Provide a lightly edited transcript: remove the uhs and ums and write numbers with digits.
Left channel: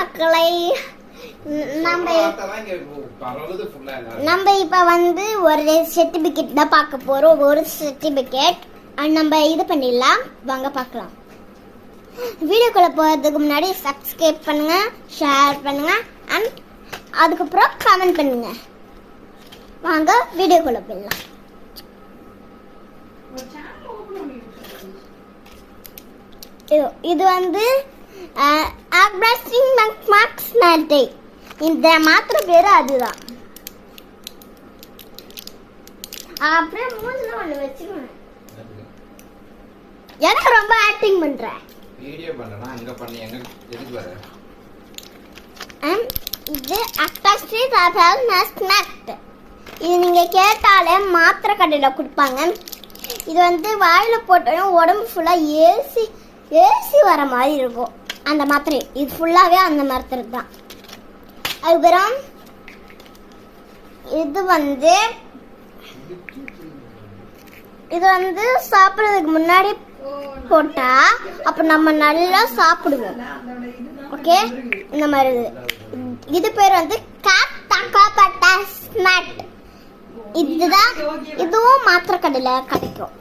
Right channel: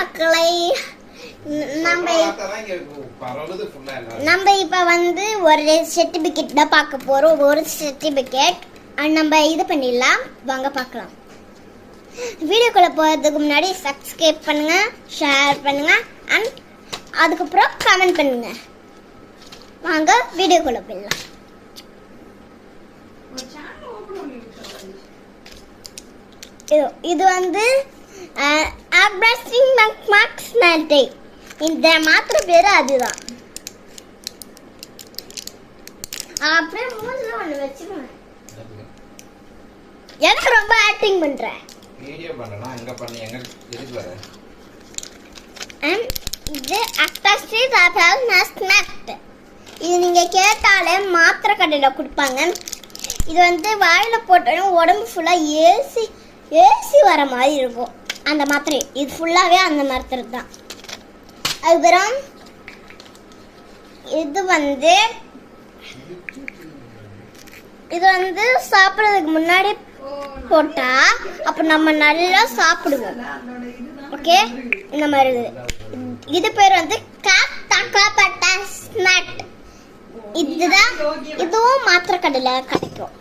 மக்களை, நம்ம இப்ப வந்து ஒரு சர்டிபிகேட் தான் பார்க்க போறோம். ஒரு சர்டிபிகேட் நம்ம இது பண்ணிடலாம். வாங்க பார்க்கலாம். வீடியோக்குள்ள போறதுக்கு முன்னாடி சப்ஸ்கிரைப் பண்ணுங்க, ஷேர் பண்ணுங்க அண்ட் அதுக்கப்புறம் கமெண்ட் பண்ணுங்க. வாங்க வீடியோக்குள்ள போயிடலாம். இது வந்து இந்த மாத்திரை பேரு அதுதான். அப்புறம் மூணுல ஒண்ணு வச்சுக்கணும். எனக்கு ரொம்ப ஆக்டிங் பண்ற வீடியோ பண்ணனா அங்க பண்ணி எங்க எதுக்கு வர? இது அக்டாஸ்ட்ரி ராபால் மாஸ்க். இது நீங்க கேட்டாலே மாத்திரை கடையில கொடுப்பாங்க. இது வந்து வாயில போட்டோம் உடம்பு ஃபுல்லா ஏசி வர மாதிரி இருக்கும். அந்த மாத்திரை இது ஃபுல்லாவே அந்த மாத்திரை தான். அதுக்கப்புறம் இது வந்து சாப்பிடுறதுக்கு முன்னாடி போட்டா அப்ப நம்ம நல்லா சாப்பிடுவோம். ஓகே, இந்த மாதிரி இது பேர் வந்து இதுதான். இதுவும் மாத்திரை கடையில கிடைக்கும்.